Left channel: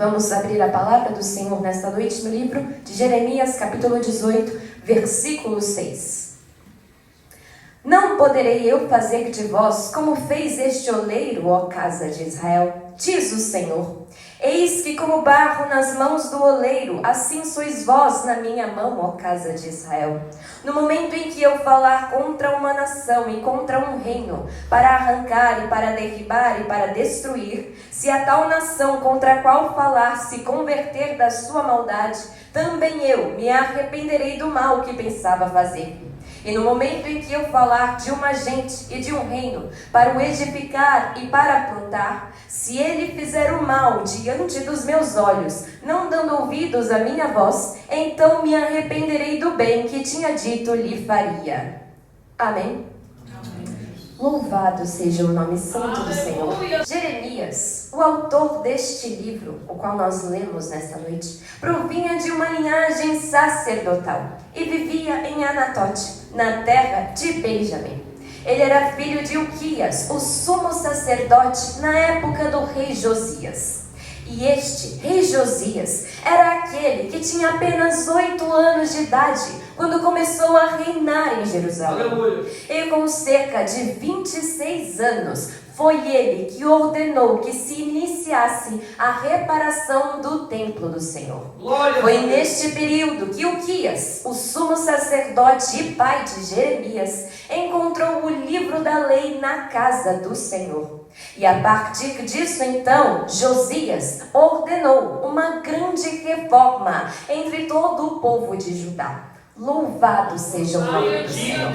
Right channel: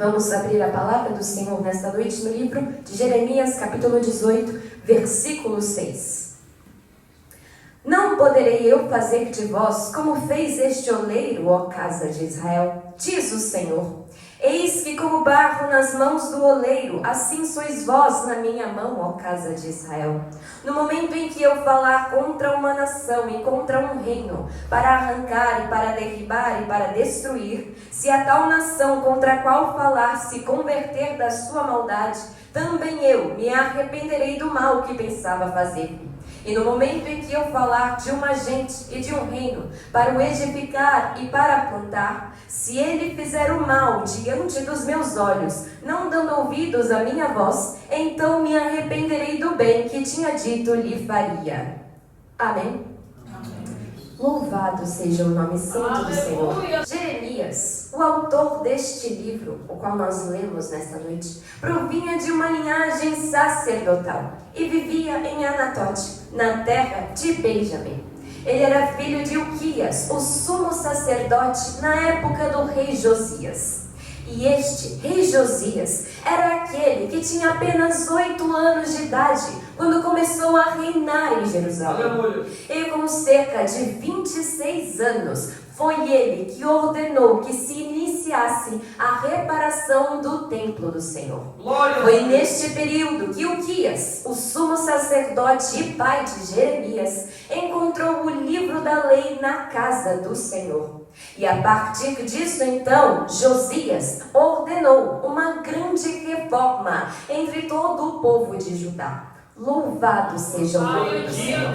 Vamos abrir a palavra do Senhor nesta noite no livro de Jeremias, capítulo 18, versículo 6. Não poderei eu fazer de vós como fez este oleiro, ó casa de Israel, diz o Senhor. Eis que como barro nas mãos do oleiro, assim sois vós na minha mão, ó casa de Israel. No momento em que eu falar contra uma nação e contra um reino, para arrancar e para derribar e para destruir, se a tal nação contra a qual falar se converter da sua maldade, também eu me arrependerei do mal que pensava fazer. E no momento em que eu falar de uma gente e de um reino, para o edificar e para plantar, se ele fizer o mal diante dos meus olhos, não dando ouvidos à minha voz, então me arrependerei do bem que tinha dito lhe faria. Amém? Louvado seja o nome santo do Senhor. Jeremias, o autor deste livro, o qual nós lemos nesta noite, provinha de uma linhagem sacerdotal e vivia em Anatote, na terra de Benjamim. Ele era filho de Uquias, o sumo sacerdote na época do rei Josias. E este rei Josias era aquele que tinha apenas 8 anos de idade quando começou a reinar em Jerusalém. E com cerca de 26 anos, foi ele que ordenou que se iniciasse a reparação do templo do Senhor. Foi neste período que Uquias, o sumo sacerdote e pai de Jeremias, encontrou o livro da lei na casa do Senhor. E a partir disso, então, Josias ordenou uma grande reforma entre todo o povo de Judá. Louvado seja o nome do Senhor.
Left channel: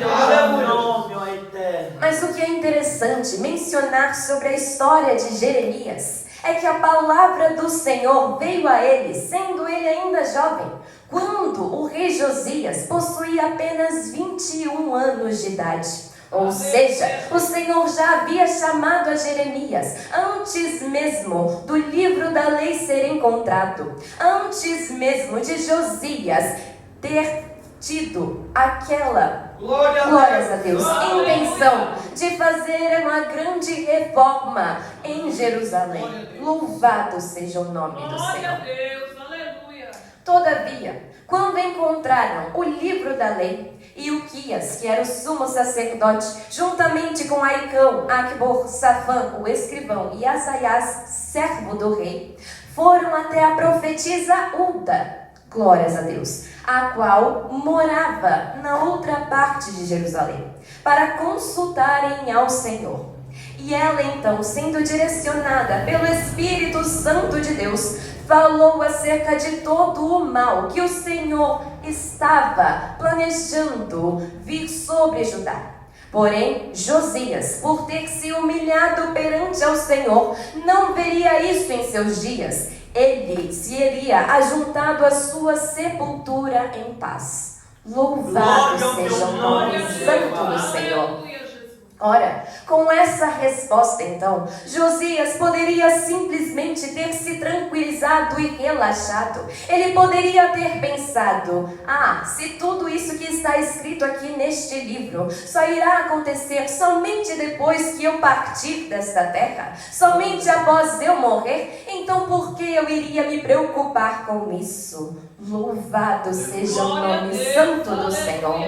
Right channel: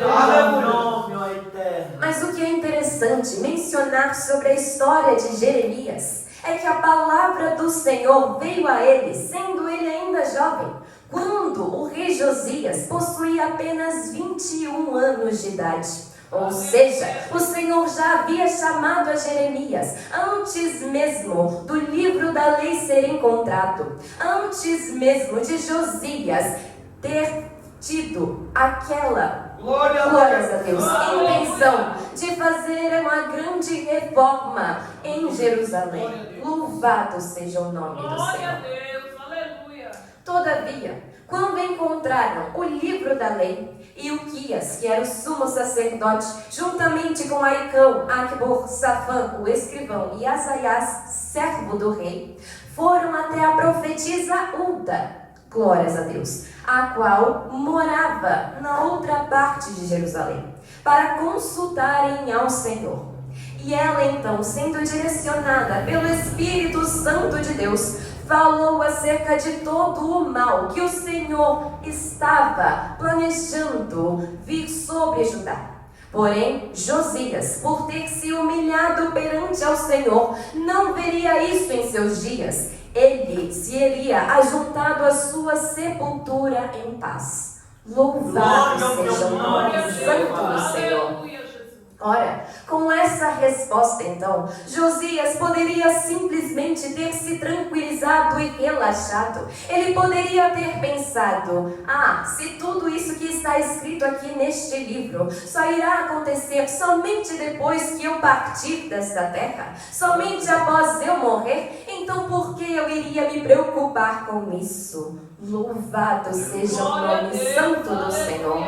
Mas o que é interessante mencionar sobre a história de Jeremias é que a palavra do Senhor veio a ele, sendo ele ainda jovem, quando o rei Josias possuía apenas 21 anos de idade. Ou seja, o Senhor já havia chamado a Jeremias antes mesmo do livro da lei ser encontrado, antes mesmo de Josias ter tido aquela, glórias a Deus, intenção de fazer uma grande reforma em Jerusalém. Louvado seja o nome do Senhor. Todavia, quando encontraram o livro da lei, e Uquias, que era o sumo sacerdote, juntamente com Aicão, Acbor, Safã, o escrivão, e Asaias, servo do rei, foram até a profetisa Hulda, glórias a Deus, a qual morava na outra parte de Jerusalém, para consultarem ao Senhor. E ela então, sendo direcionada pelo Espírito Santo de Deus, falou acerca de todo o mal que o Senhor estava planejando vir sobre Judá. Porém, Josias, por ter se humilhado perante ao Senhor, não veria isso em seus dias. Ele se iria ajuntado à sua sepultura em paz. Louvado seja o nome santo do Senhor. Ora, com essa resposta então, Josias poderia simplesmente ter se tranquilizado e relaxado. Ele poderia ter pensado: se tudo isso que está escrito aqui neste livro só irá acontecer somente depois que eu partir desta terra, somente após eu morrer, então por que eu iria me preocupar com isso? Louvado seja o nome santo do Senhor.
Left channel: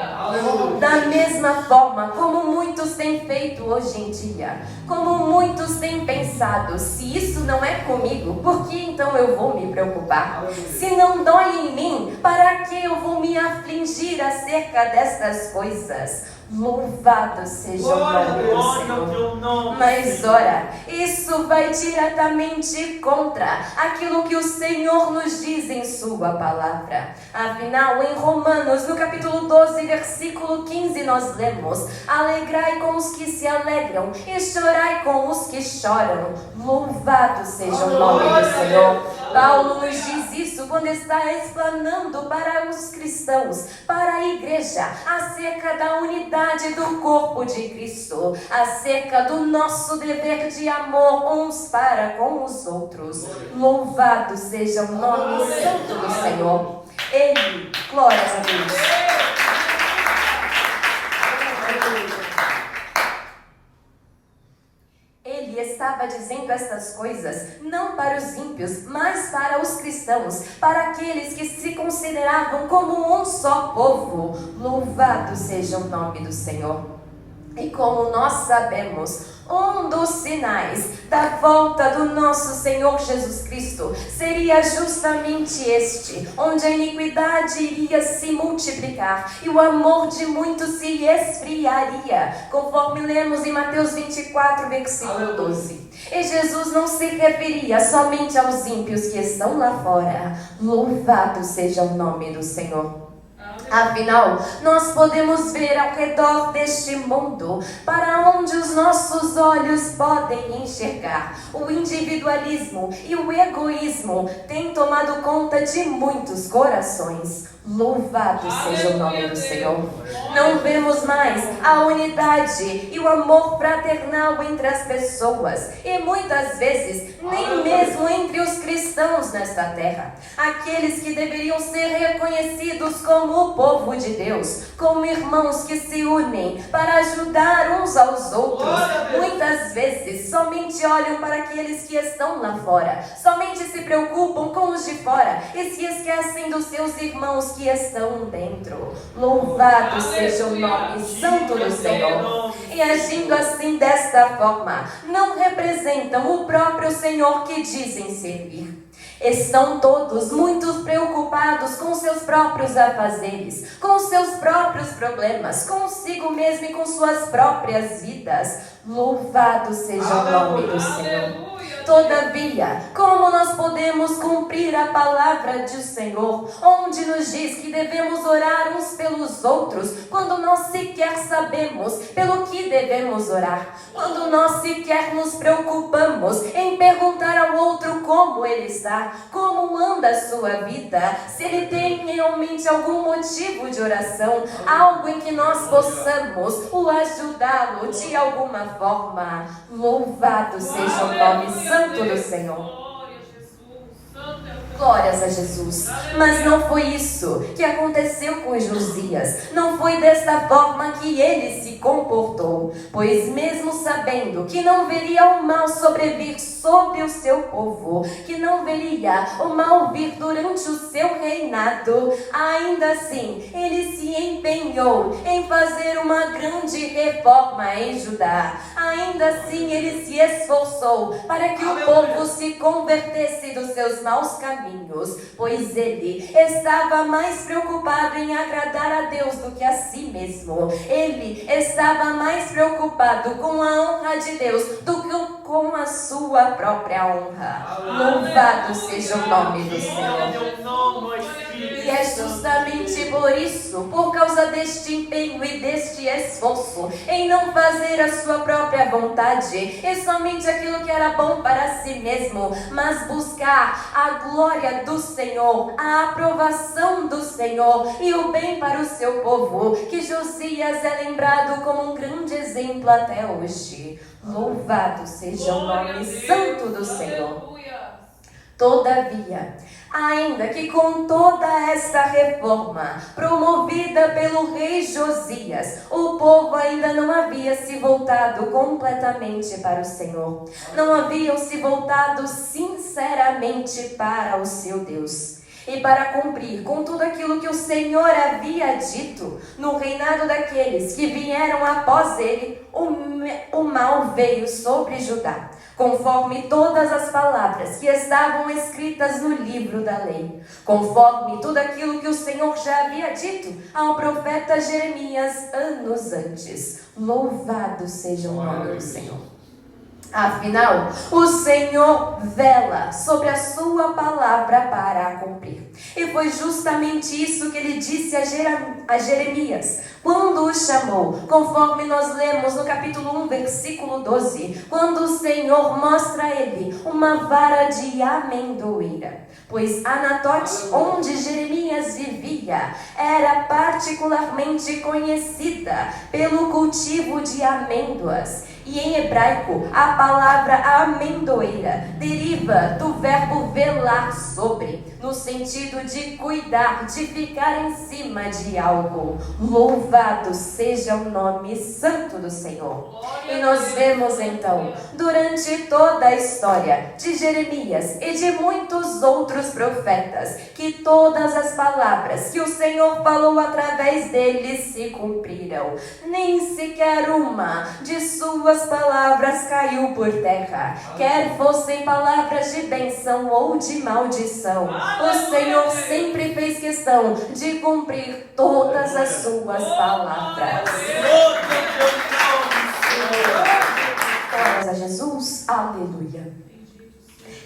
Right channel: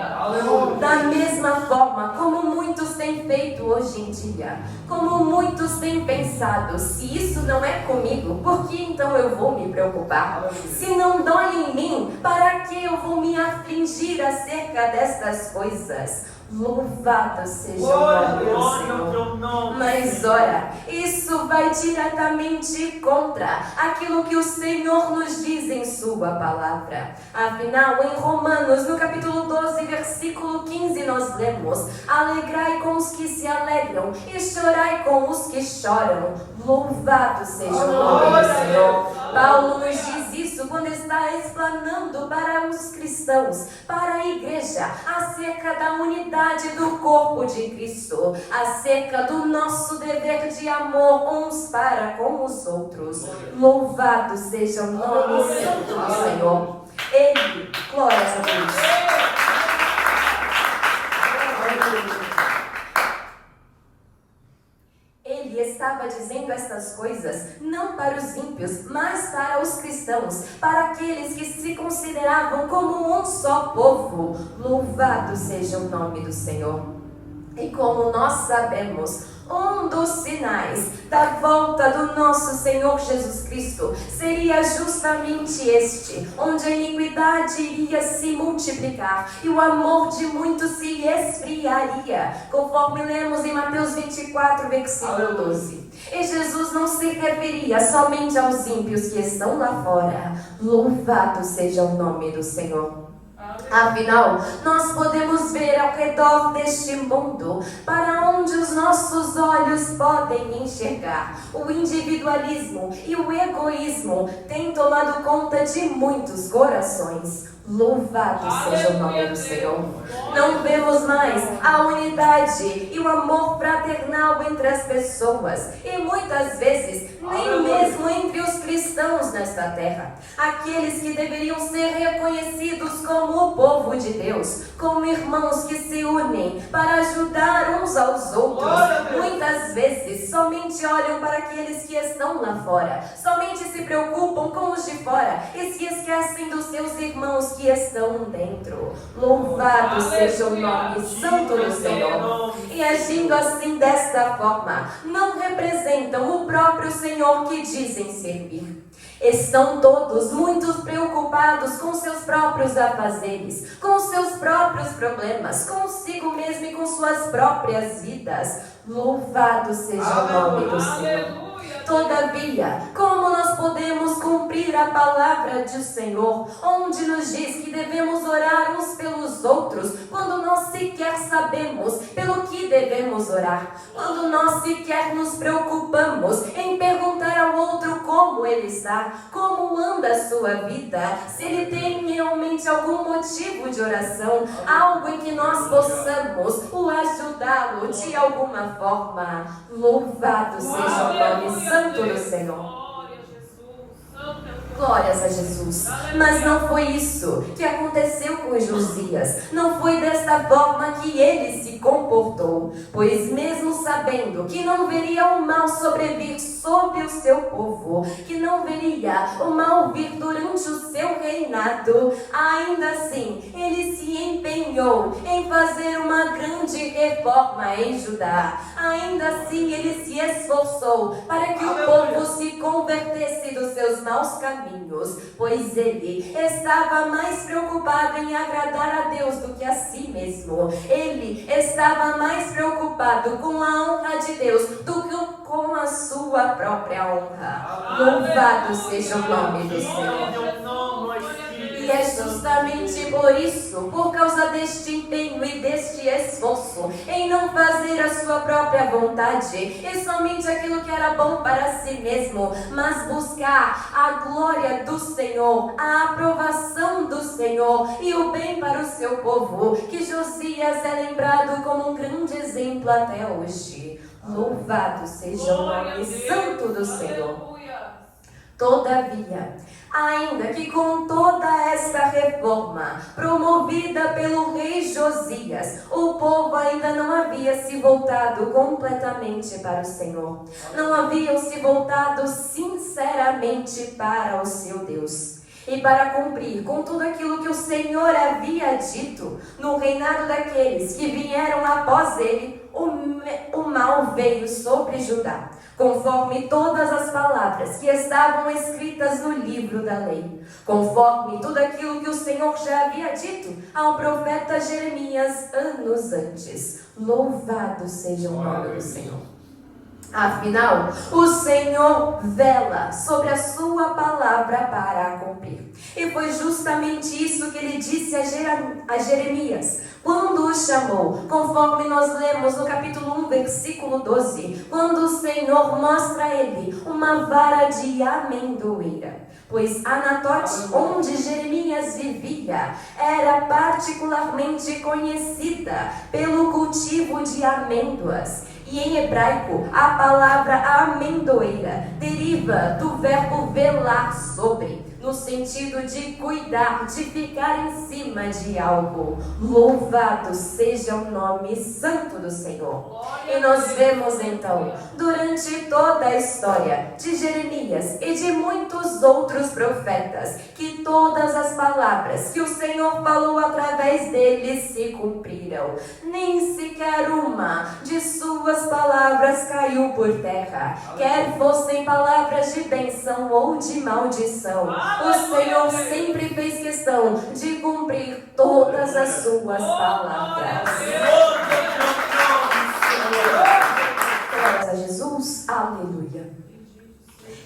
Da mesma forma como muitos têm feito hoje em dia, como muitos têm pensado: se isso não é comigo, por que então eu vou me preocupar? Se não dói em mim, para que eu vou me afligir acerca destas coisas? Louvado seja o nome do Senhor. Mas ora, isso vai diretamente contra aquilo que o Senhor nos diz em sua palavra. Afinal, em Romanos, no capítulo 12, versículo 15, nós lemos: alegrai com os que se alegram e chorai com os que choram. Louvado seja o nome do Senhor. Paulo nos diz isso quando está explanando para os cristãos, para a igreja, acerca da unidade do corpo de Cristo, acerca do nosso dever de amor uns para com os outros. Louvado seja o nome santo do Senhor. Ele, glórias a Deus. Ele está estava dizendo estas coisas não para os ímpios, mas para os cristãos, para aqueles que se consideravam como um só povo. Louvado seja o nome do Senhor. E como nós sabemos, um dos sinais da volta do nosso Senhor Jesus Cristo seria justamente este, onde a iniquidade iria se multiplicar e o amor de muitos se esfriaria, conforme lemos em Mateus 24, versículo 12. E Jesus não se referia somente aos ímpios que estão lá fora. Louvado seja o nome do Senhor. Afinal, nós podemos ver ao redor deste mundo, para onde os nossos olhos podem enxergar. O individualismo e o egoísmo têm tomado conta de muitos corações. Louvado seja o nome do Senhor. Não vemos mais a unidade e o amor fraternal entre as pessoas, e muitas vezes nem mesmo entre os cristãos nesta terra, aqueles que deveriam ser reconhecidos como o povo de Deus, como irmãos que se unem para ajudar uns aos outros. Muitas vezes somente olham para aqueles que estão lá fora, somente se preocupam com os de fora e se esquecem dos seus irmãos que estão dentro. Louvado seja o nome santo do Senhor. E agindo assim desta forma, não representam o próprio Senhor que dizem servir. Estão todos muito preocupados com seus próprios afazeres, com seus próprios problemas, consigo mesmo e com suas próprias vidas. Louvado seja o nome do Senhor. Todavia, como nós podemos cumprir a palavra do Senhor, onde nos diz que devemos orar uns pelos outros, quando nós sequer sabemos pelo que devemos orar, quando nós sequer nos preocupamos em perguntar ao outro como ele está, como anda a sua vida, se ele tem realmente algum motivo de oração, algo em que nós possamos o ajudá-lo de alguma forma. Louvado seja o nome santo do Senhor. Glórias a Jesus. Mas não foi isso que aconteceu com Josias. Não foi desta forma que ele se comportou. Pois mesmo sabendo que não veria o mal sobrevir sobre o seu povo, que não veria o mal vir durante o seu reinado, ainda assim ele se empenhou em fazer uma grande reforma em Judá. Ainda assim ele se esforçou para que o povo se convertesse dos seus maus caminhos, pois ele estava mais preocupado em agradar a Deus do que a si mesmo. Ele estava mais preocupado com a honra de Deus do que com a sua própria honra. Louvado seja o nome do Senhor. E é justamente por isso, por causa deste empenho e deste esforço em não fazer a sua própria vontade e somente aquilo que era bom para si mesmo, mas buscar a glória do Senhor, a aprovação do Senhor e o bem para o seu povo, que Josias é lembrado como um grande exemplo até hoje. Louvado seja o nome santo do Senhor. Todavia, ainda que com toda esta reforma promovida pelo rei Josias, o povo ainda não havia se voltado completamente para o Senhor. Não haviam se voltado sinceramente para o seu Deus. E para cumprir com tudo aquilo que o Senhor havia dito, no reinado daqueles que vieram após ele, o mal veio sobre Judá, conforme todas as palavras que estavam escritas no livro da lei, conforme tudo aquilo que o Senhor já havia dito ao profeta Jeremias anos antes. Louvado seja o nome do Senhor. Afinal, o Senhor vela sobre a sua palavra para a cumprir. E foi justamente isso que ele disse a Jeremias, quando o chamou, conforme nós lemos no capítulo 1, versículo 12, quando o Senhor mostra a ele uma vara de amendoeira. Pois Anatote, onde Jeremias vivia, era particularmente conhecida pelo cultivo de amêndoas. E em hebraico, a palavra amendoeira deriva do verbo velar sobre, no sentido de cuidar, de ficar em cima de algo. Louvado seja o nome santo do Senhor. E nós vemos então, durante toda a história de Jeremias e de muitos outros profetas, que todas as palavras que o Senhor falou através deles se cumpriram. Nem sequer uma de suas palavras caiu por terra, quer fossem palavras de bênção ou de maldição. O Senhor sempre fez questão de cumprir todas as suas palavras. Glórias a Jesus, aleluia.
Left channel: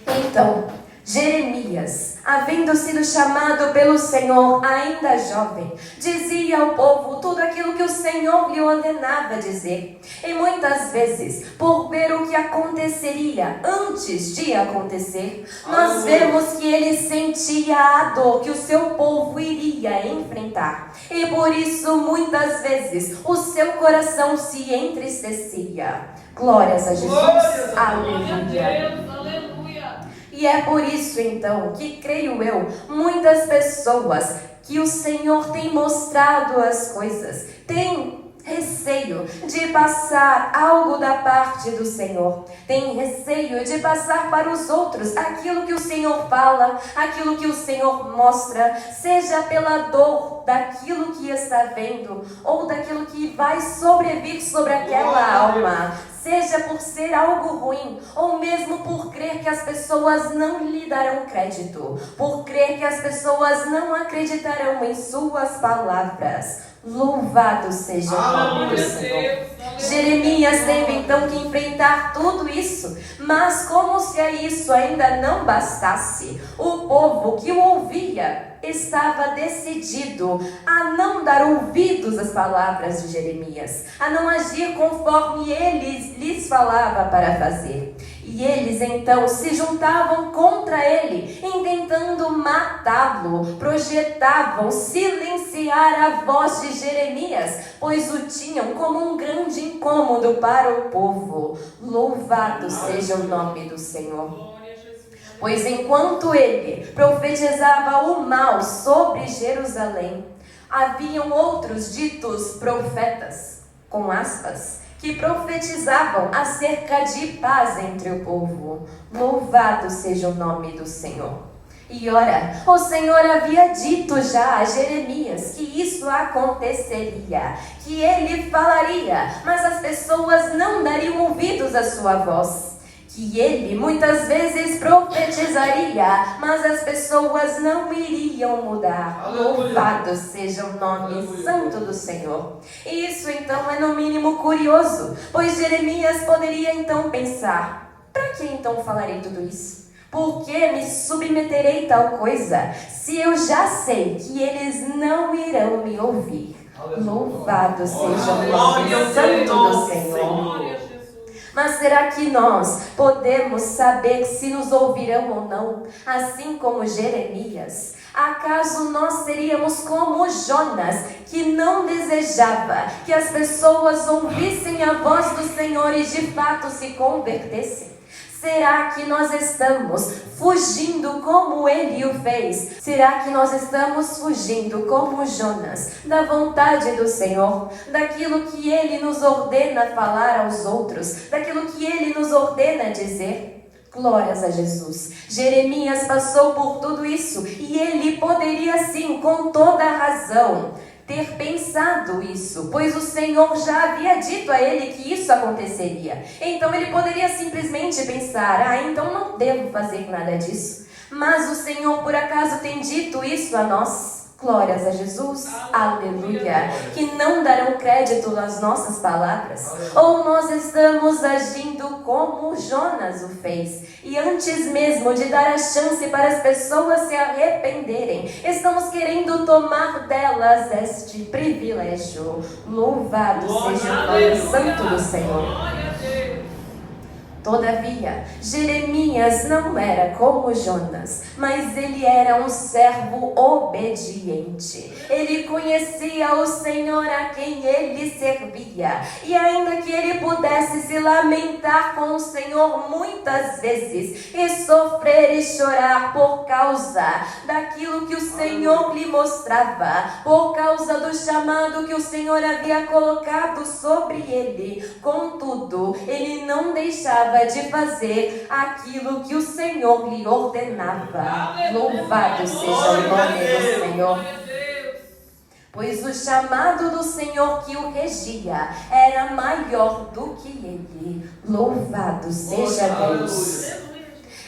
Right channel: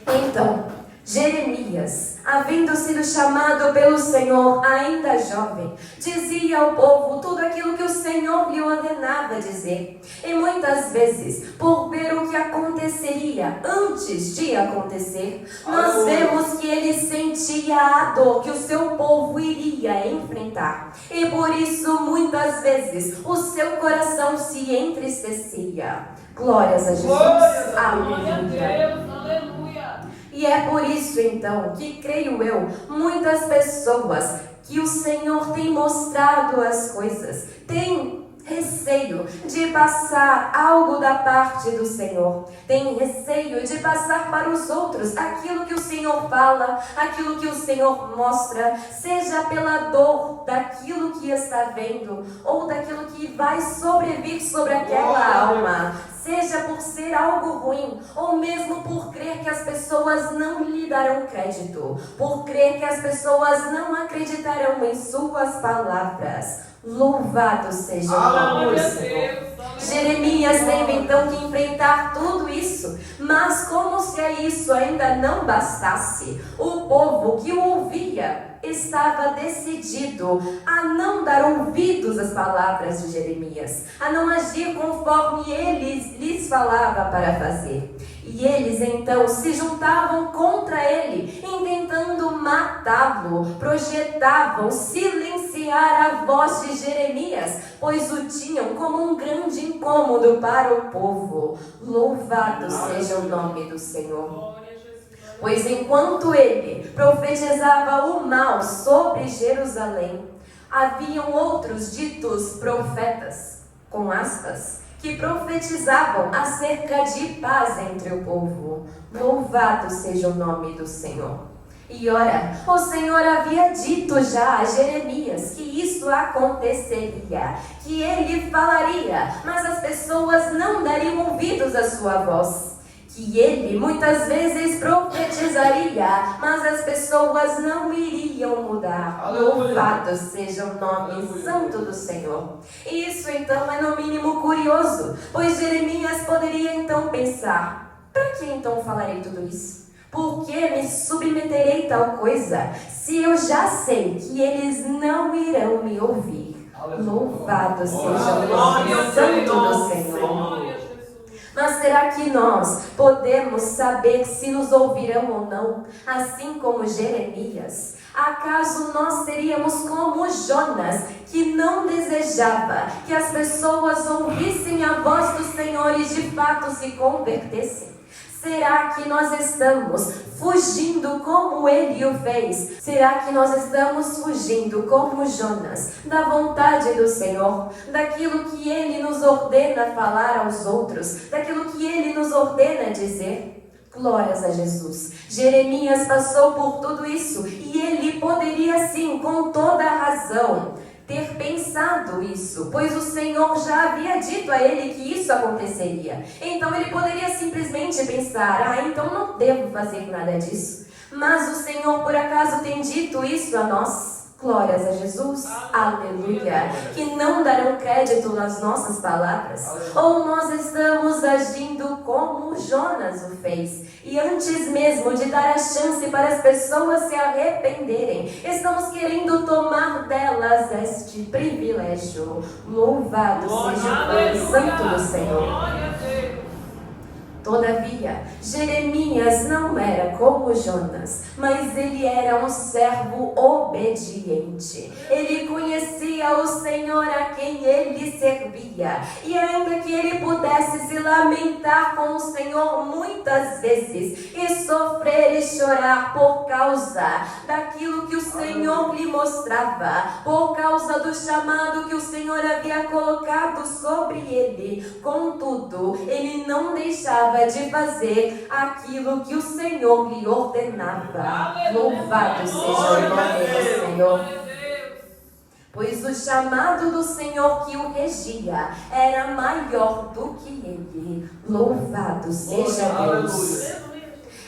Então, Jeremias, havendo sido chamado pelo Senhor ainda jovem, dizia ao povo tudo aquilo que o Senhor lhe ordenava dizer. E muitas vezes, por ver o que aconteceria antes de acontecer, nós vemos que ele sentia a dor que o seu povo iria enfrentar. E por isso, muitas vezes, o seu coração se entristecia. Glórias a Jesus, aleluia. Glória a Deus, aleluia. E é por isso então que, creio eu, muitas pessoas que o Senhor tem mostrado as coisas, têm receio de passar algo da parte do Senhor, tem receio de passar para os outros aquilo que o Senhor fala, aquilo que o Senhor mostra, seja pela dor daquilo que está vendo, ou daquilo que vai sobrevir sobre aquela alma, seja por ser algo ruim, ou mesmo por crer que as pessoas não lhe darão crédito, por crer que as pessoas não acreditarão em suas palavras. Louvado seja o nome do Senhor. Jeremias teve então que enfrentar tudo isso, mas como se a isso ainda não bastasse, o povo que o ouvia estava decidido a não dar ouvidos às palavras de Jeremias, a não agir conforme ele lhes falava para fazer. E eles então se juntavam contra ele, intentando matá-lo, projetavam silenciar a voz de Jeremias, pois o tinham como um grande incômodo para o povo. Louvado seja o nome do Senhor. Pois enquanto ele profetizava o mal sobre Jerusalém, haviam outros ditos profetas, com aspas, que profetizavam acerca de paz entre o povo. Louvado seja o nome do Senhor. E ora, o Senhor havia dito já a Jeremias que isso aconteceria, que ele falaria, mas as pessoas não dariam ouvidos à sua voz. Que ele muitas vezes profetizaria, mas as pessoas não iriam mudar. Louvado seja o nome santo do Senhor. E isso então é no mínimo curioso, pois Jeremias poderia então pensar: para que então falarei tudo isso? Por que me submeterei tal coisa, se eu já sei que eles não irão me ouvir? Louvado seja o nome santo do Senhor. Mas será que nós podemos saber se nos ouvirão ou não, assim como Jeremias? Acaso nós seríamos como Jonas, que não desejava que as pessoas ouvissem a voz do Senhor e de fato se convertessem? Será que nós estamos fugindo como ele o fez? Será que nós estamos fugindo como Jonas da vontade do Senhor? Daquilo que ele nos ordena falar aos outros? Daquilo que ele nos ordena dizer? Glórias a Jesus. Jeremias passou por tudo isso e ele poderia sim, com toda a razão, ter pensado isso, pois o Senhor já havia dito a ele que isso aconteceria. Então ele poderia simplesmente pensar: então não devo fazer nada disso. Mas o Senhor por acaso tem dito isso a nós? Glórias a Jesus, aleluia, que não darão crédito às nossas palavras? Ou nós estamos agindo como Jonas o fez, e antes mesmo de dar a chance para as pessoas se arrependerem, estamos querendo tomar delas este privilégio? Louvado seja o nome santo do Senhor. Todavia, Jeremias não era como Jonas, mas ele era um servo obediente. Ele conhecia o Senhor a quem ele servia. E ainda que ele pudesse se lamentar com o Senhor muitas vezes, e sofrer e chorar por causa daquilo que o Senhor lhe mostrava, por causa do chamado que o Senhor havia colocado sobre ele, contudo, ele não deixava de fazer aquilo que o Senhor lhe ordenava. Louvado seja o nome do Senhor. Pois o chamado do Senhor que o regia era maior do que ele. Louvado seja Deus.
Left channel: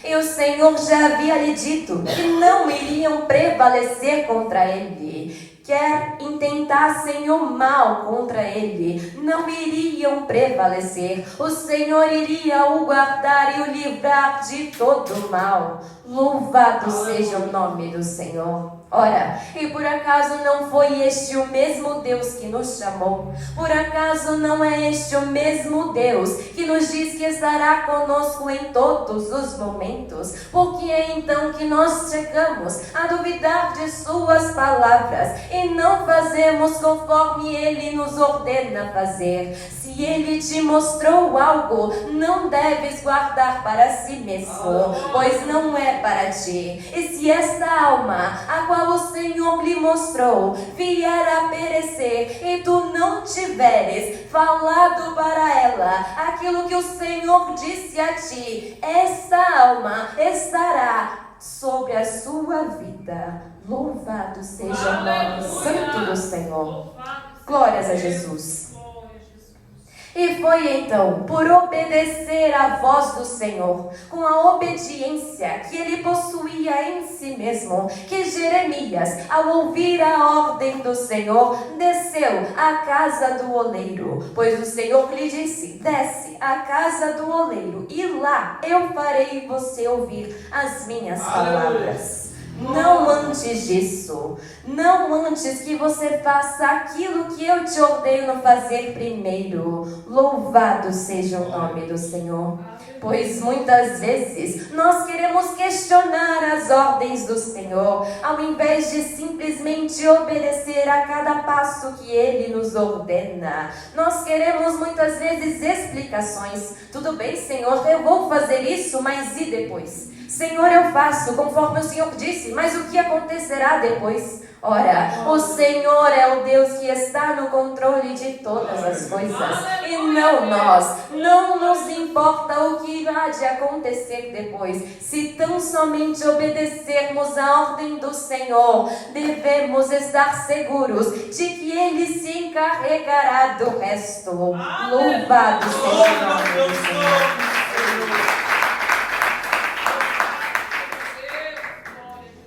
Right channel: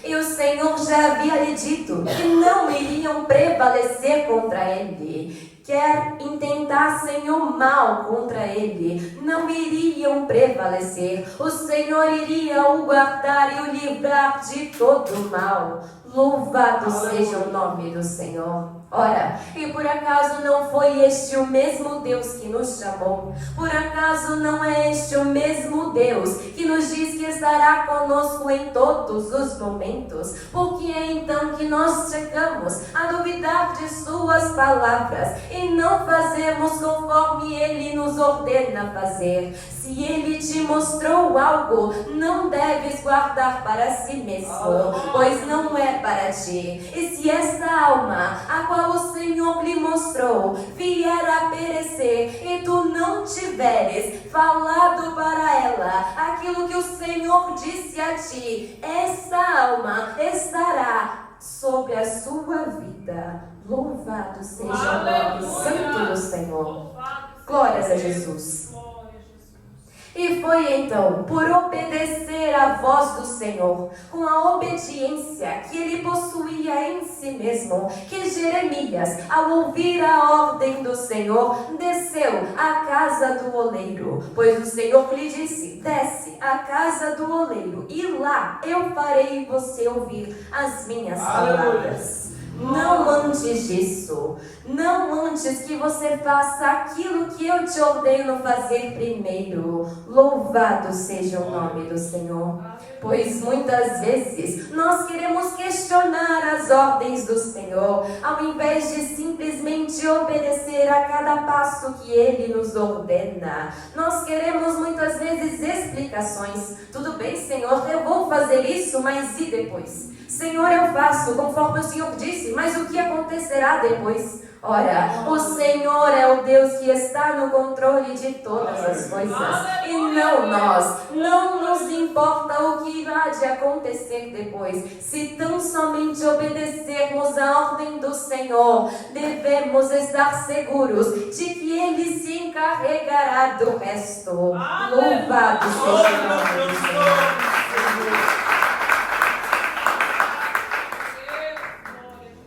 E o Senhor já havia lhe dito que não iriam prevalecer contra ele. Quer intentassem o mal contra ele, não iriam prevalecer. O Senhor iria o guardar e o livrar de todo o mal. Louvado seja o nome do Senhor. Ora, e por acaso não foi este o mesmo Deus que nos chamou? Por acaso não é este o mesmo Deus que nos diz que estará conosco em todos os momentos? Por que é então que nós chegamos a duvidar de suas palavras e não fazemos conforme ele nos ordena fazer? Se ele te mostrou algo, não deves guardar para si mesmo, pois não é para ti. E se esta alma, a qual o Senhor lhe mostrou, vier a perecer, e tu não tiveres falado para ela aquilo que o Senhor disse a ti, essa alma estará sobre a sua vida. Louvado seja o nome santo do Senhor. Glórias a Jesus. E foi então, por obedecer à voz do Senhor, com a obediência que ele possuía em si mesmo, que Jeremias, ao ouvir a ordem do Senhor, desceu à casa do oleiro. Pois o Senhor lhe disse: desce à casa do oleiro, e lá eu farei você ouvir as minhas palavras. Não antes disso, não antes que você faça aquilo que eu te ordeno fazer primeiro. Louvado seja o nome do Senhor. Pois muitas vezes nós queremos questionar as ordens do Senhor, ao invés de simplesmente obedecer a cada passo que Ele nos ordena. Nós queremos muitas vezes explicações. Tudo bem, Senhor, eu vou fazer isso, mas e depois? Senhor, eu faço conforme o Senhor disse, mas o que acontecerá depois? Ora, o Senhor é o Deus que está no controle de todas as coisas, e não nós. Não nos importa o que irá de acontecer depois. Se tão somente obedecermos a ordem do Senhor, devemos estar seguros de que Ele se encarregará do resto. Louvado seja o nome do Senhor.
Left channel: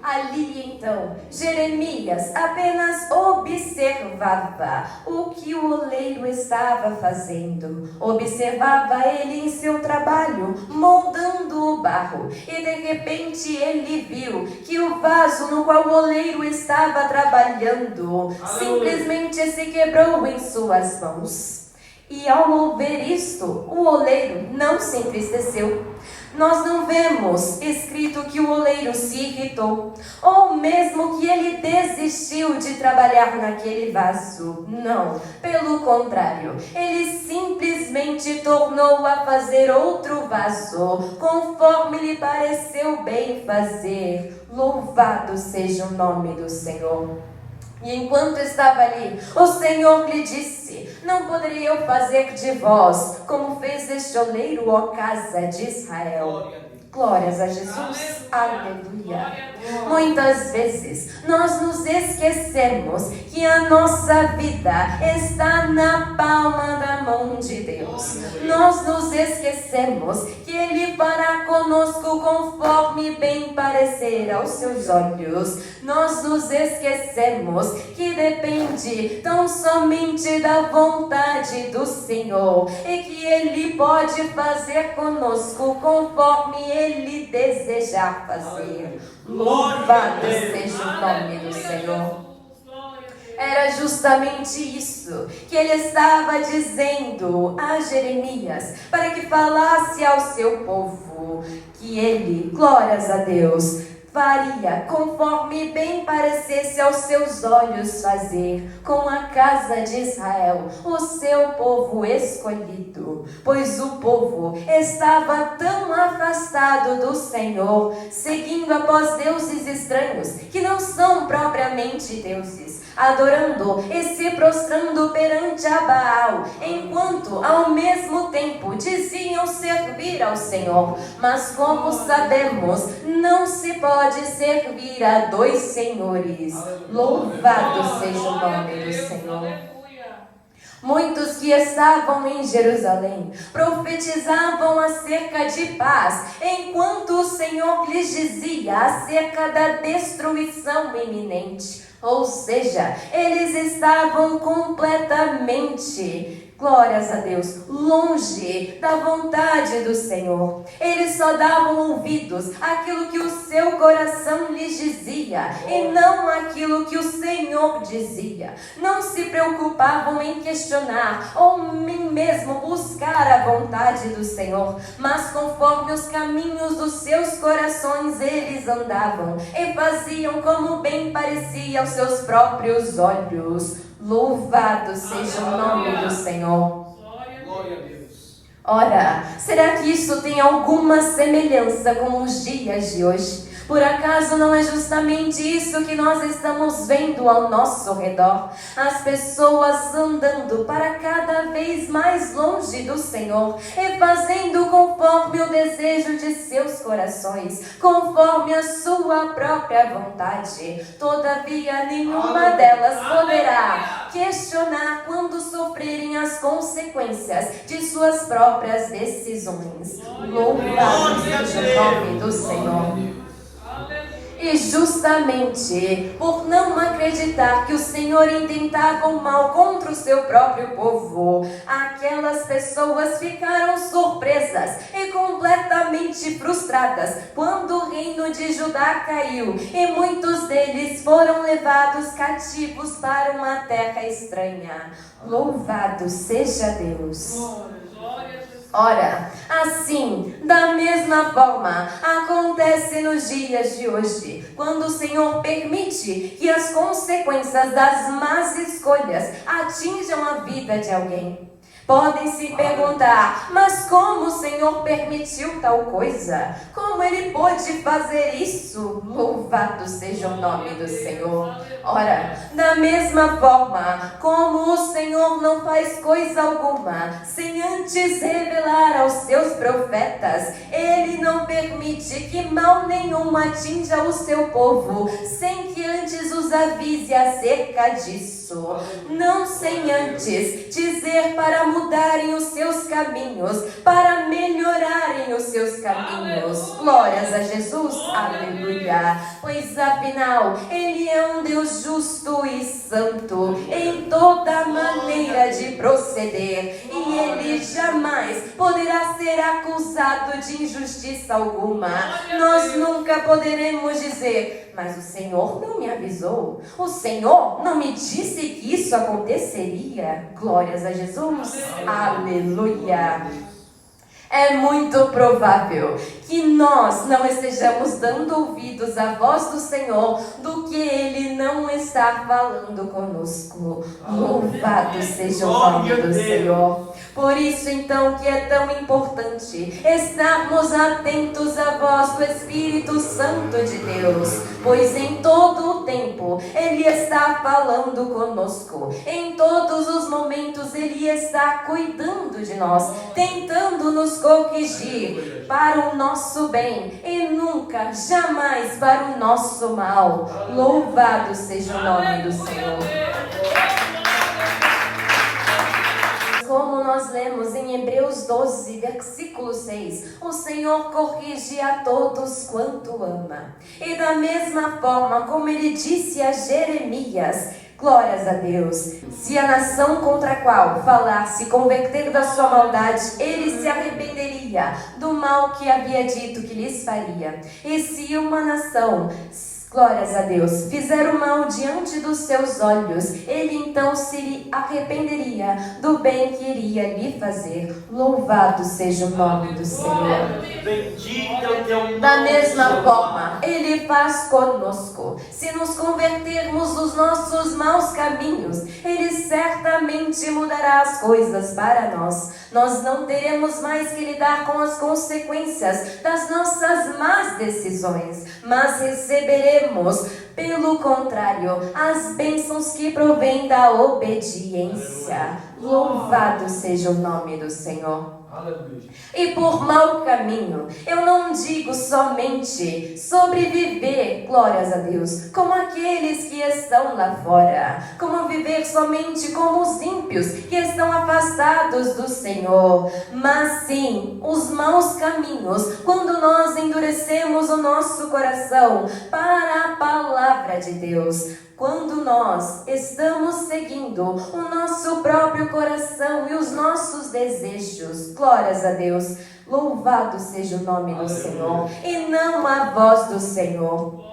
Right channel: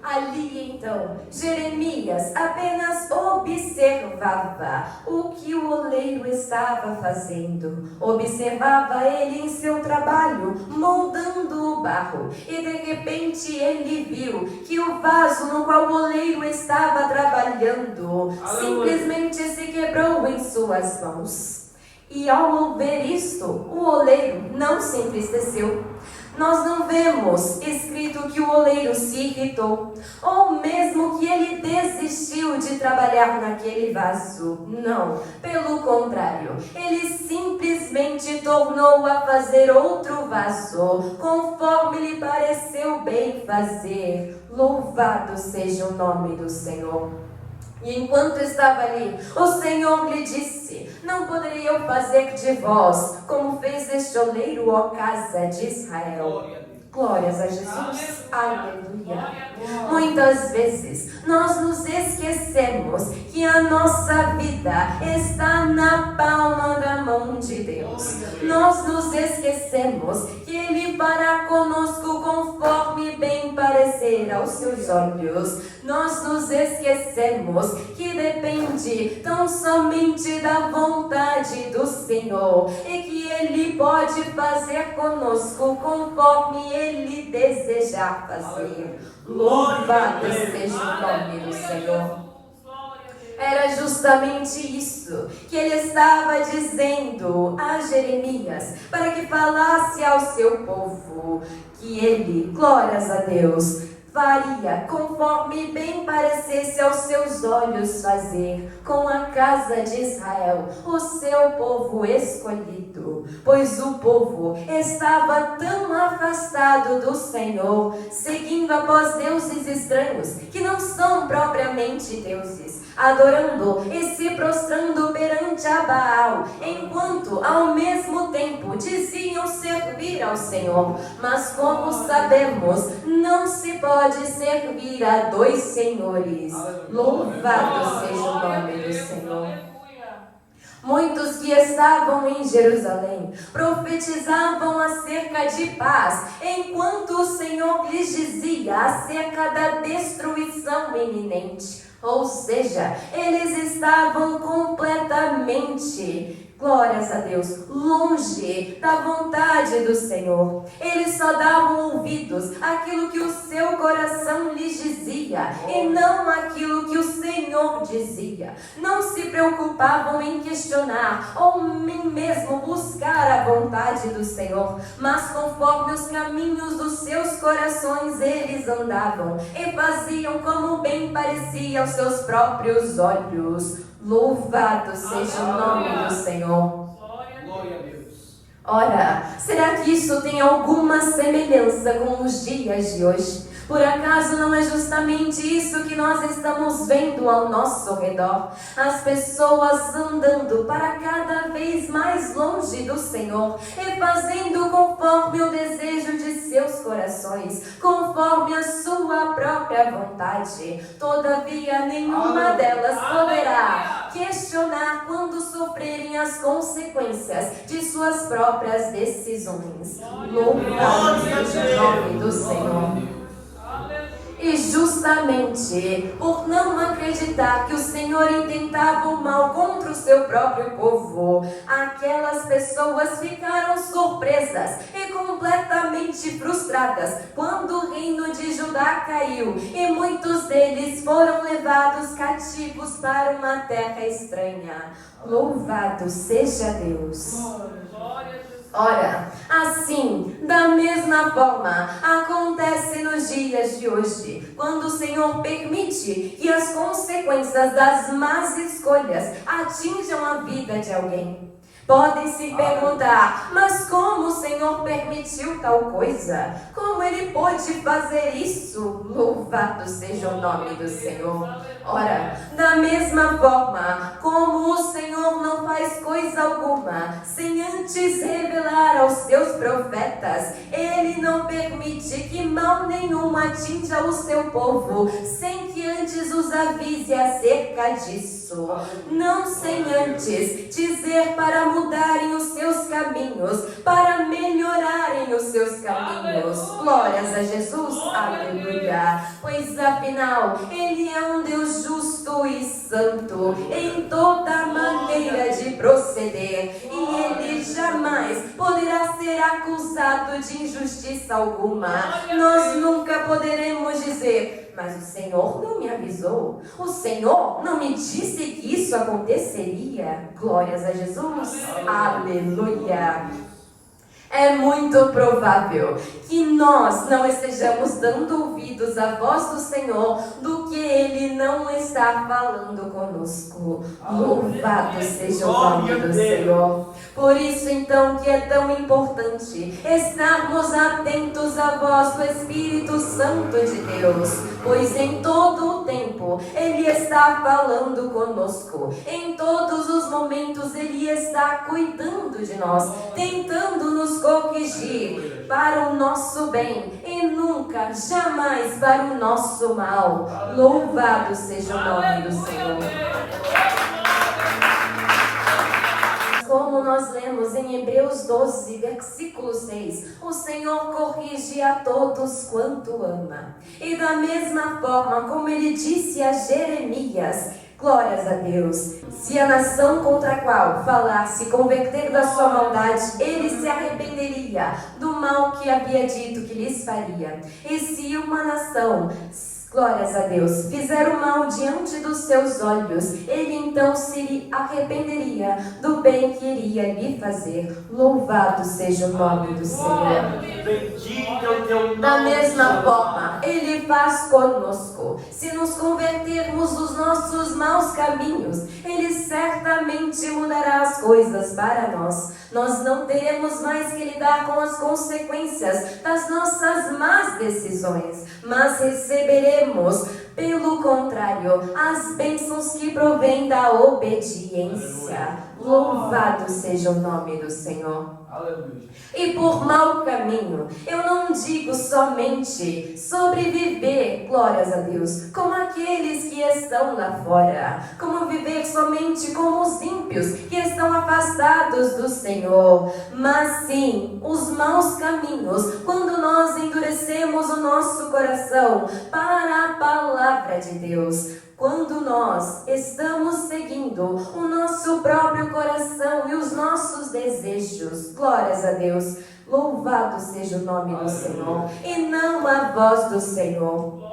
Ali então, Jeremias apenas observava o que o oleiro estava fazendo. Observava ele em seu trabalho, moldando o barro. E de repente ele viu que o vaso no qual o oleiro estava trabalhando simplesmente se quebrou em suas mãos. E ao ver isto, o oleiro não se entristeceu. Nós não vemos escrito que o oleiro se irritou, ou mesmo que ele desistiu de trabalhar naquele vaso. Não, pelo contrário, ele simplesmente tornou a fazer outro vaso, conforme lhe pareceu bem fazer. Louvado seja o nome do Senhor. E enquanto estava ali, o Senhor lhe disse: não poderia eu fazer de vós como fez este oleiro, ó casa de Israel? Glórias a Jesus. Aleluia. Muitas vezes nós nos esquecemos que a nossa vida está na palma da mão de Deus. Nós nos esquecemos que Ele fará conosco conforme bem parecer aos seus olhos. Nós nos esquecemos que depende tão somente da vontade do Senhor e que Ele pode fazer conosco conforme Ele desejar fazer. Louvado seja o nome do Senhor. Era justamente isso que ele estava dizendo a Jeremias, para que falasse ao seu povo, que ele, glórias a Deus, faria conforme bem parecesse aos seus olhos fazer com a casa de Israel, o seu povo escolhido. Pois o povo estava tão afastado do Senhor, seguindo após deuses estranhos, que não são propriamente deuses, adorando e se prostrando perante a Baal, enquanto ao mesmo tempo diziam servir ao Senhor. Mas como sabemos, não se pode servir a dois senhores. Louvado seja o nome do Senhor. Muitos que estavam em Jerusalém profetizavam acerca de paz, enquanto o Senhor lhes dizia acerca da destruição iminente. Ou seja, eles estavam completamente, glórias a Deus, longe da vontade do Senhor. Eles só davam ouvidos àquilo que o seu coração lhes dizia e não aquilo que o Senhor dizia. Não se preocupavam em questionar ou nem mesmo buscar a vontade do Senhor, mas conforme os caminhos dos seus corações eles andavam e faziam como bem parecia aos seus próprios olhos. Louvado seja o nome do Senhor. Glória a Deus. Ora, será que isso tem alguma semelhança com os dias de hoje? Por acaso não é justamente isso que nós estamos vendo ao nosso redor? As pessoas andando para cada vez mais longe do Senhor e fazendo conforme o desejo de seus corações, conforme a sua própria vontade. Todavia, nenhuma delas poderá questionar quando sofrerem as consequências de suas próprias decisões. Louvado seja o nome do Senhor. E justamente por não acreditar que o Senhor intentava o mal contra o seu próprio povo, aquelas pessoas ficaram surpresas e completamente frustradas quando o reino de Judá caiu e muitos deles foram levados cativos para uma terra estranha. Louvado seja Deus. Ora, assim, da mesma forma, acontece nos dias de hoje, quando o Senhor permite que as consequências das más escolhas atinjam a vida de alguém. Podem se perguntar, mas como o Senhor permitiu tal coisa? Como Ele pôde fazer isso? Louvado seja o nome do Senhor. Ora, da mesma forma como o Senhor não faz coisa alguma sem antes revelar aos seus profetas, Ele não permite que mal nenhum atinja o seu povo sem que antes os avise acerca disso. Não sem antes dizer para mudarem os seus caminhos, para melhorarem os seus caminhos. Glórias a Jesus, aleluia. Pois afinal, Ele é um Deus justo e santo em toda maneira de proceder, e Ele jamais poderá ser acusado de injustiça alguma. Nós nunca poderemos dizer, mas o Senhor não me avisou, o Senhor não me disse que isso aconteceria. Glórias a Jesus, aleluia. É muito provável que nós não estejamos dando ouvidos à voz do Senhor do que Ele não está falando conosco. Louvado seja o nome do Senhor. Por isso então que é tão importante estarmos atentos à voz do Espírito Santo de Deus, pois em todo o tempo Ele está falando conosco. Em todos os momentos Ele está cuidando de nós, tentando nos corrigir para o nosso bem e nunca, jamais para o nosso mal. Louvado seja o nome do Senhor. Como nós lemos em Hebreus 12, versículo 6, o Senhor corrige a todos quanto ama. E da mesma forma como Ele disse a Jeremias, glórias a Deus, se a nação contra a qual falar se converter da sua maldade, Ele se arrependeria do mal que havia dito que lhes faria. E se uma nação, Glórias a Deus. Fizeram mal diante dos seus olhos. Ele então se arrependeria do bem que iria lhe fazer. Louvado seja o nome do Senhor. Bendito é o teu nome. Da mesma forma, Ele faz conosco. Se nos convertermos dos nossos maus caminhos, Ele certamente mudará as coisas para nós. Nós não teremos mais que lidar com as consequências das nossas más decisões, mas receberemos, pelo contrário, as bênçãos que provêm da obediência. Louvado seja o nome do Senhor. Aleluia. E por mau caminho, eu não digo somente sobreviver, glórias a Deus, como aqueles que estão lá fora, como viver somente como os ímpios que estão afastados do Senhor, mas sim os maus caminhos, quando nós endurecemos o nosso coração para a palavra de Deus. Quando nós estamos seguindo o nosso próprio coração e os nossos desejos, glórias a Deus, louvado seja o nome do Senhor, e não a voz do Senhor.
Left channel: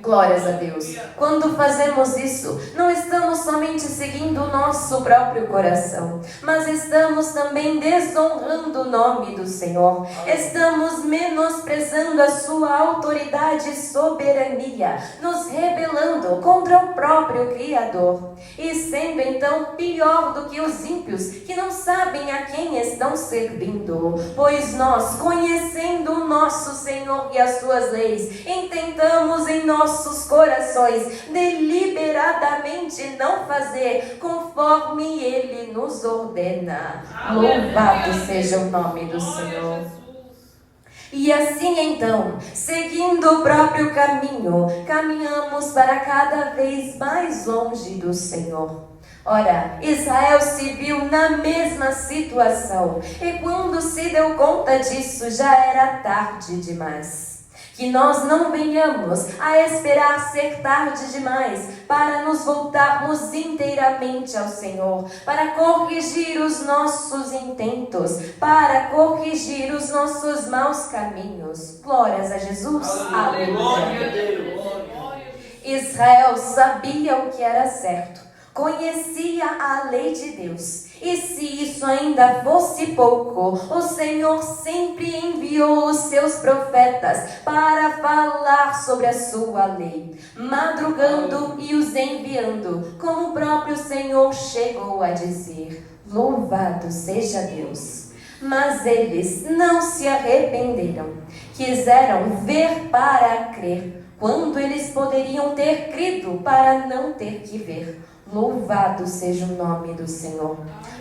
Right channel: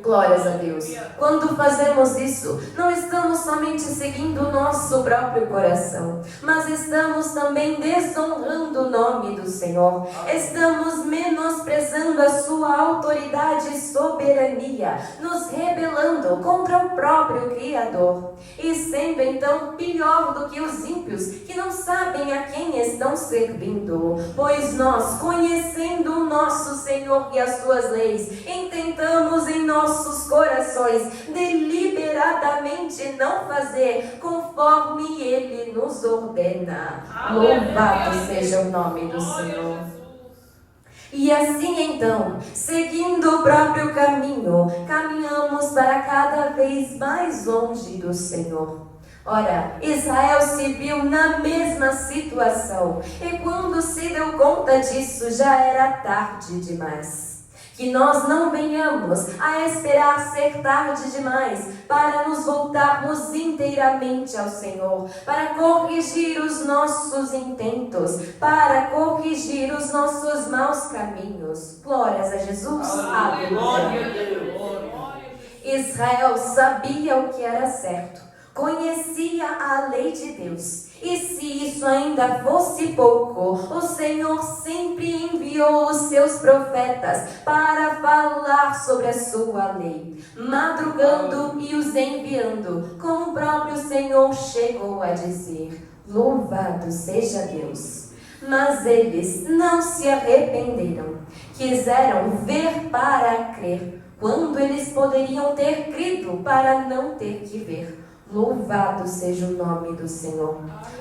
Glórias a Deus. Quando fazemos isso, não estamos somente seguindo o nosso próprio coração, mas estamos também desonrando o nome do Senhor. Estamos menosprezando a sua autoridade e soberania, nos rebelando contra o próprio Criador. E sendo então pior do que os ímpios, que não sabem a quem estão servindo, pois nós, conhecendo o nosso Senhor e as suas leis, intentamos em nossos corações deliberadamente não fazer conforme Ele nos ordena. Louvado seja o nome do Senhor. E assim então, seguindo o próprio caminho, caminhamos para cada vez mais longe do Senhor. Ora, Israel se viu na mesma situação, e quando se deu conta disso, já era tarde demais. Que nós não venhamos a esperar ser tarde demais para nos voltarmos inteiramente ao Senhor, para corrigir os nossos intentos, para corrigir os nossos maus caminhos. Glórias a Jesus. Aleluia. Israel sabia o que era certo, conhecia a lei de Deus. E se isso ainda fosse pouco, o Senhor sempre enviou os seus profetas para falar sobre a sua lei, madrugando e os enviando, como o próprio Senhor chegou a dizer. Louvado seja Deus. Mas eles não se arrependeram, quiseram ver para crer, quando eles poderiam ter crido para não ter que ver. Louvado seja o nome do Senhor.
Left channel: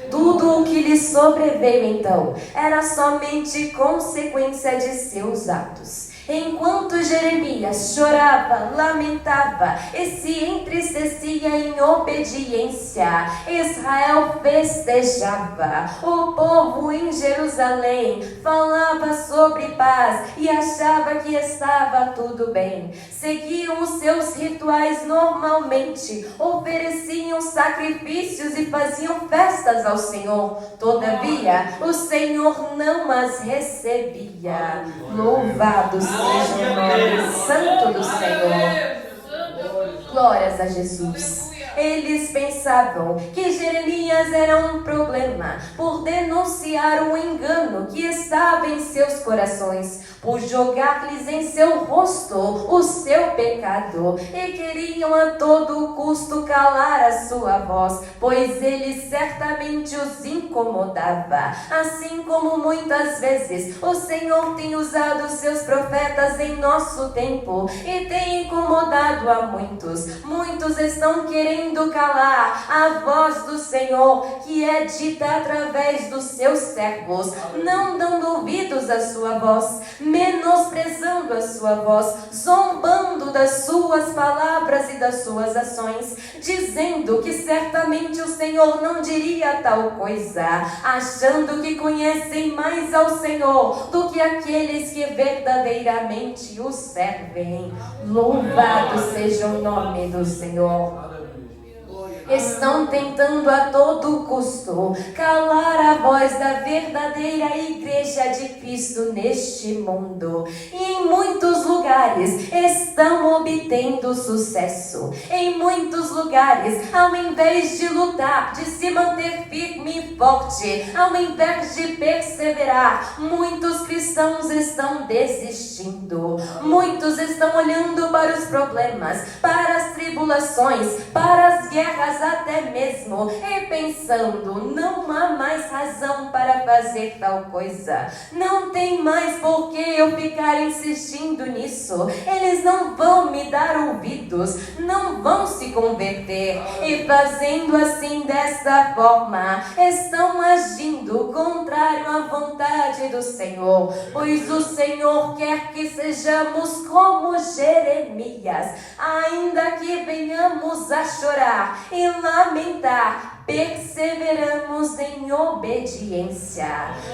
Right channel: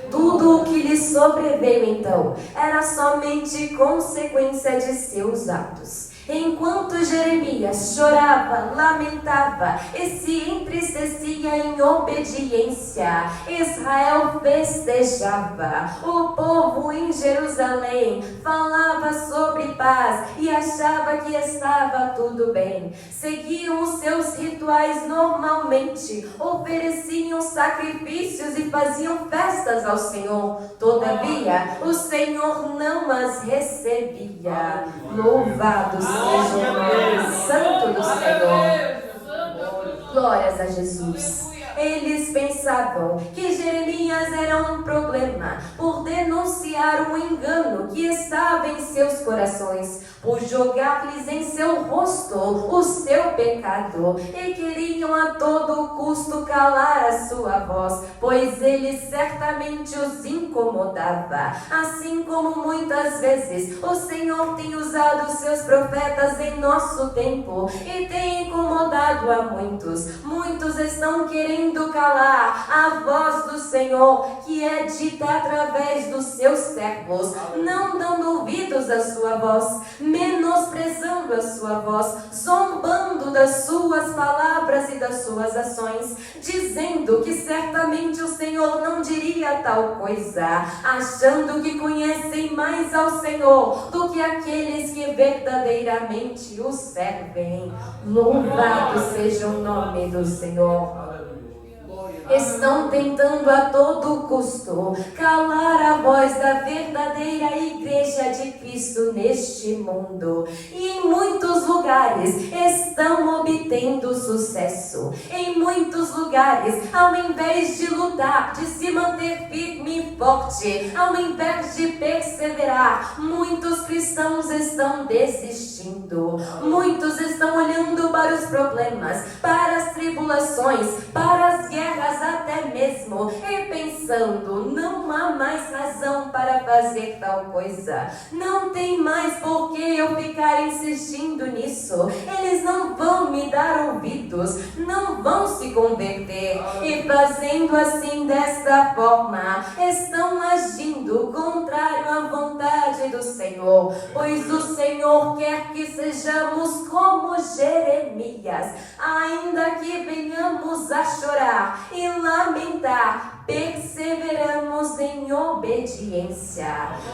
Tudo o que lhe sobreveio então era somente consequência de seus atos. Enquanto Jeremias chorava, lamentava e se entristecia em obediência, Israel festejava. O povo em Jerusalém falava sobre paz e achava que estava tudo bem. Seguiam os seus rituais normalmente, ofereciam sacrifícios e faziam festas ao Senhor. Todavia, o Senhor não as recebia. Louvado seja o nome santo do Senhor. Glórias a Jesus. Eles pensavam que Jeremias era um problema por denunciar um engano que estava em seus corações, por jogar-lhes em seu rosto o seu pecado, e queriam a todo custo calar a sua voz, pois ele certamente os incomodava. Assim como muitas vezes o Senhor tem usado seus profetas em nosso tempo e tem incomodado a muitos. Muitos estão querendo calar a voz do Senhor, que é dita através dos seus servos, não dando ouvidos à sua voz, menosprezando a sua voz, zombando das suas palavras e das suas ações, dizendo que certamente o Senhor não diria tal coisa, achando que conhecem mais ao Senhor do que aqueles que verdadeiramente o servem. Louvado seja o nome do Senhor. Estão tentando a todo custo calar a voz da verdadeira igreja de Cristo neste mundo. E em muitos lugares lugares estão obtendo sucesso. Em muitos lugares, ao invés de lutar, de se manter firme e forte, ao invés de perseverar, muitos cristãos estão desistindo. Muitos estão olhando para os problemas, para as tribulações, para as guerras até mesmo, e pensando: não há mais razão para fazer tal coisa. Não tem mais por que eu ficar insistindo nisso. Eles não vão me dar ouvidos, não vão se converter. E fazendo assim, desta forma, estão agindo contrário à vontade do Senhor. Pois o Senhor quer que sejamos como Jeremias. Ainda que venhamos a chorar e lamentar, perseveramos em obediência.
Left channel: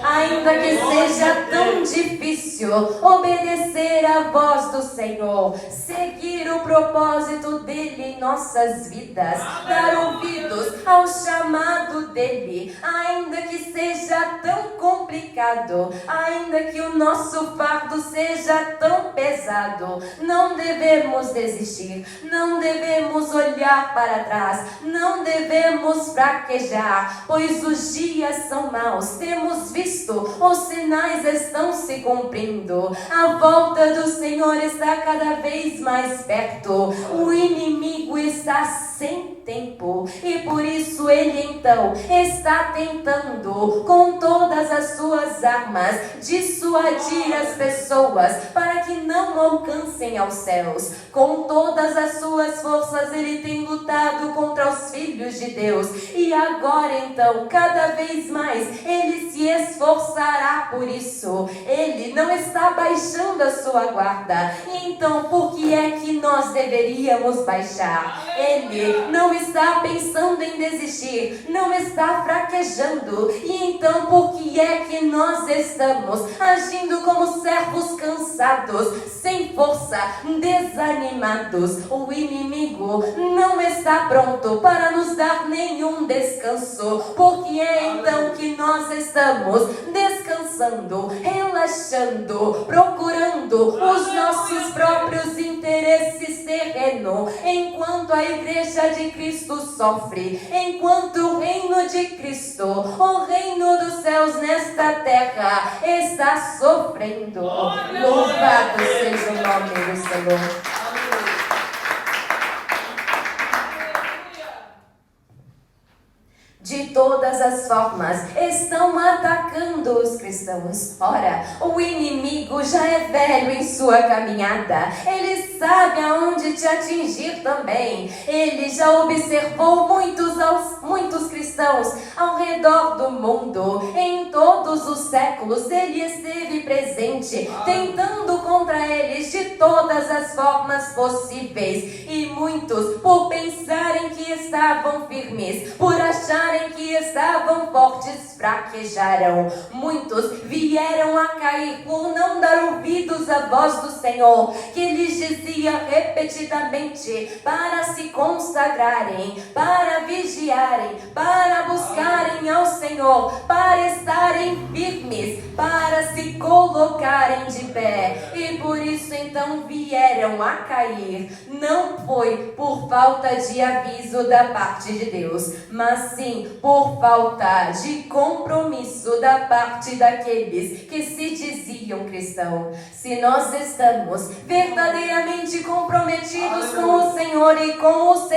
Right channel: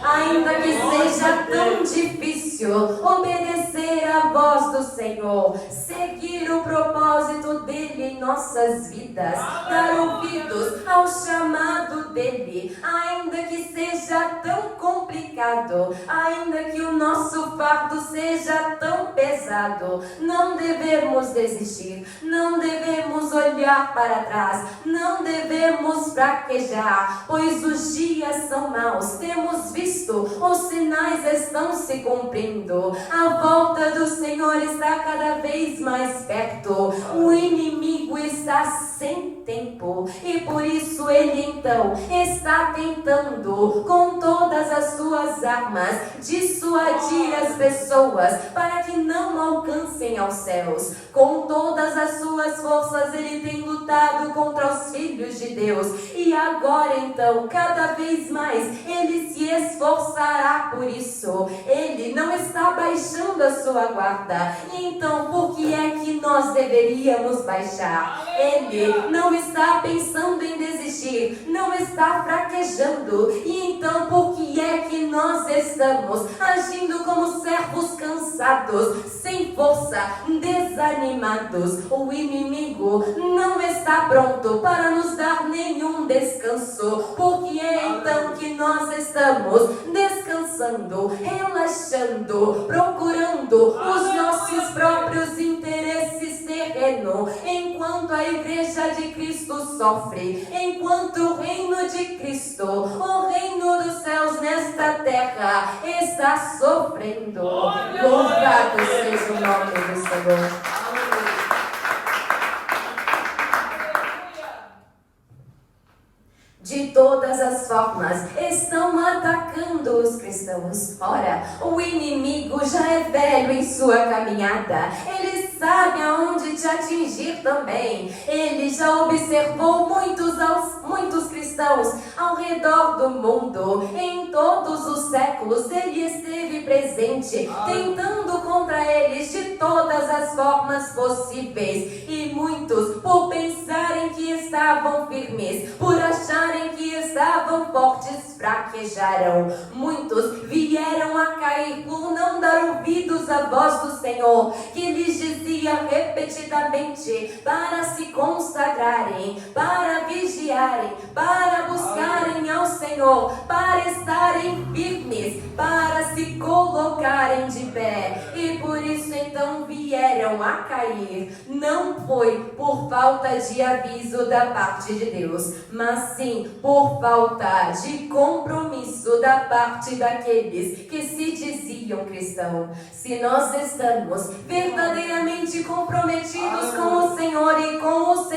Ainda que seja tão difícil obedecer à voz do Senhor, seguir o propósito dele em nossas vidas, dar ouvidos ao chamado dele, ainda que seja tão complicado, ainda que o nosso fardo seja tão pesado, não devemos desistir, não devemos olhar para trás, não devemos fraquejar, pois os dias são maus. Temos visto, os sinais estão se cumprindo. A volta do Senhor está cada vez mais perto. O inimigo está sem tempo e por isso ele então está tentando com todas as suas armas dissuadir as pessoas para que não alcancem aos céus. Com todas as suas forças ele tem lutado contra os filhos de Deus. E agora então, cada vez mais, ele se esforçará por isso. Ele não está baixando a sua guarda. E então, por que é que nós deveríamos baixar? Ele não está pensando em desistir, não está fraquejando. E então, por que é que nós estamos agindo como servos cansados, sem força, desanimados? O inimigo não está pronto para nos dar nenhum descanso. Porque é então que nós estamos descansando, relaxando, procurando os nossos próprios interesses terrenos, enquanto a igreja de Cristo sofre, enquanto o reino de Cristo, o reino dos céus nesta terra está sofrendo. Louvado seja o nome do Senhor. De todas as formas, estão atacando os cristãos. Ora, o inimigo já é velho em sua caminhada. Ele sabe aonde te atingir também. Ele já observou muitos cristãos ao redor do mundo. Em todos os séculos, ele esteve presente, tentando contra eles de todas as formas possíveis. E muitos, por pensarem que estavam firmes, por acharem que estavam fortes, fraquejaram. Muitos vieram a cair por não dar ouvidos à voz do Senhor, que lhes dizia repetidamente para se consagrarem, para vigiarem, para buscarem ao Senhor, para estarem firmes, para se colocarem de pé. E por isso então vieram a cair. Não foi por falta de aviso da parte de Deus, mas sim por falta de compromisso da parte daqueles que se diziam cristãos. Se nós estamos verdadeiramente comprometidos com o Senhor e com o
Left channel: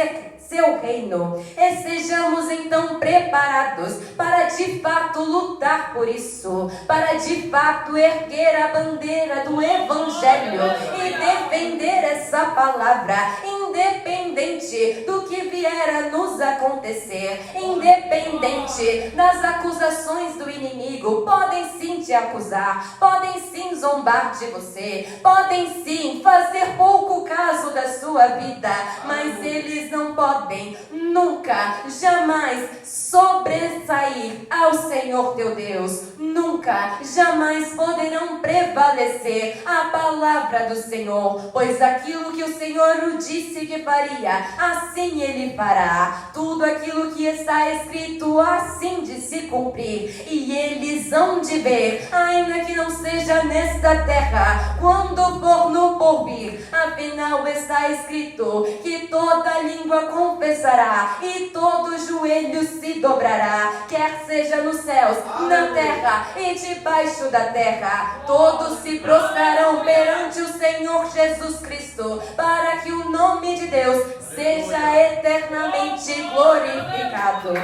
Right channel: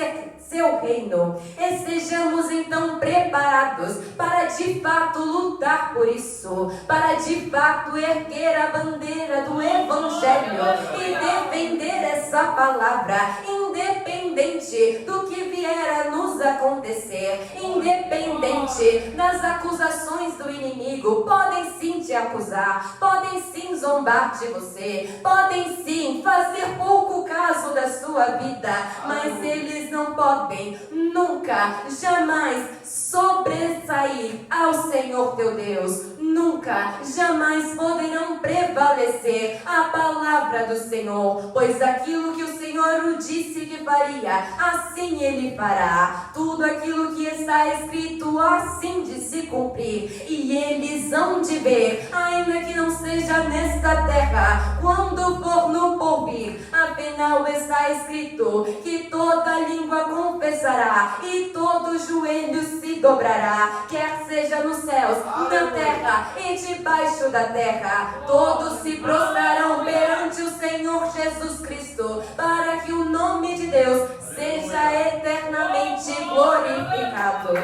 seu reino, estejamos então preparados para de fato lutar por isso, para de fato erguer a bandeira do Evangelho e defender essa palavra, independente do que vier a nos acontecer, independente das acusações do inimigo. Podem sim te acusar, podem sim zombar de você, podem sim fazer pouco caso da sua vida, mas eles não podem nunca, jamais sobressair ao Senhor teu Deus. nunca, jamais poderão prevalecer a palavra do Senhor, pois aquilo que o Senhor o disse que faria, assim Ele fará. Tudo aquilo que está escrito, assim de se cumprir, e eles hão de ver, ainda que não seja nesta terra, quando for no porvir. Afinal está escrito que toda língua confessará e todo joelho se dobrará, quer seja nos céus, na terra e debaixo da terra. Todos se prostrarão perante o Senhor Jesus Cristo, para que o nome de Deus seja eternamente glorificado.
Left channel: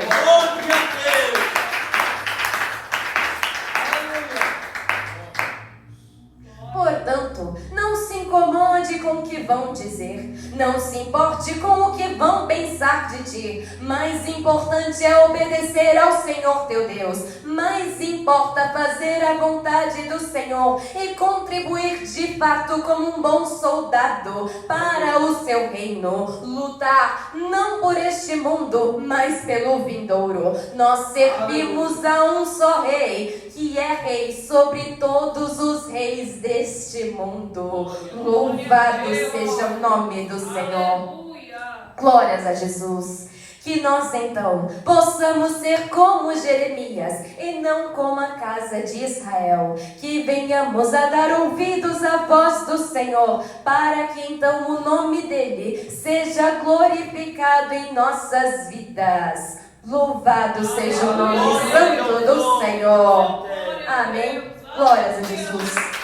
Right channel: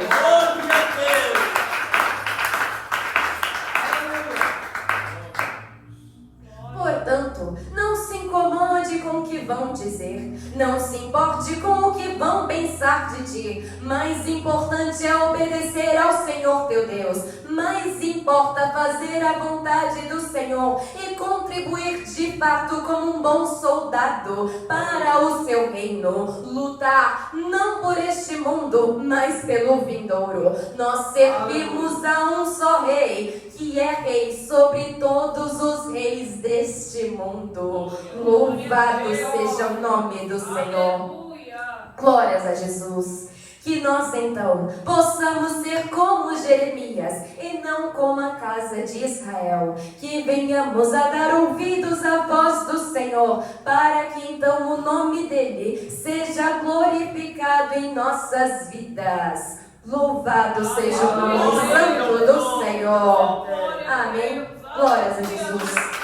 Portanto, não se incomode com o que vão dizer, não se importe com o que vão pensar de ti. Mais importante é obedecer ao Senhor teu Deus. Mais importa fazer a vontade do Senhor e contribuir de fato como um bom soldado para o seu reino. Lutar não por este mundo, mas pelo vindouro. Nós servimos a um só rei, que é rei sobre todos os reis deste mundo. Louvado seja o nome do Senhor. Glórias a Jesus. Que nós então possamos ser como Jeremias e não como a casa de Israel. Que venhamos a dar ouvidos à voz do Senhor, para que então o nome dele seja glorificado em nossas vidas. Louvado seja o nome santo do Senhor. Amém. Glórias a Jesus.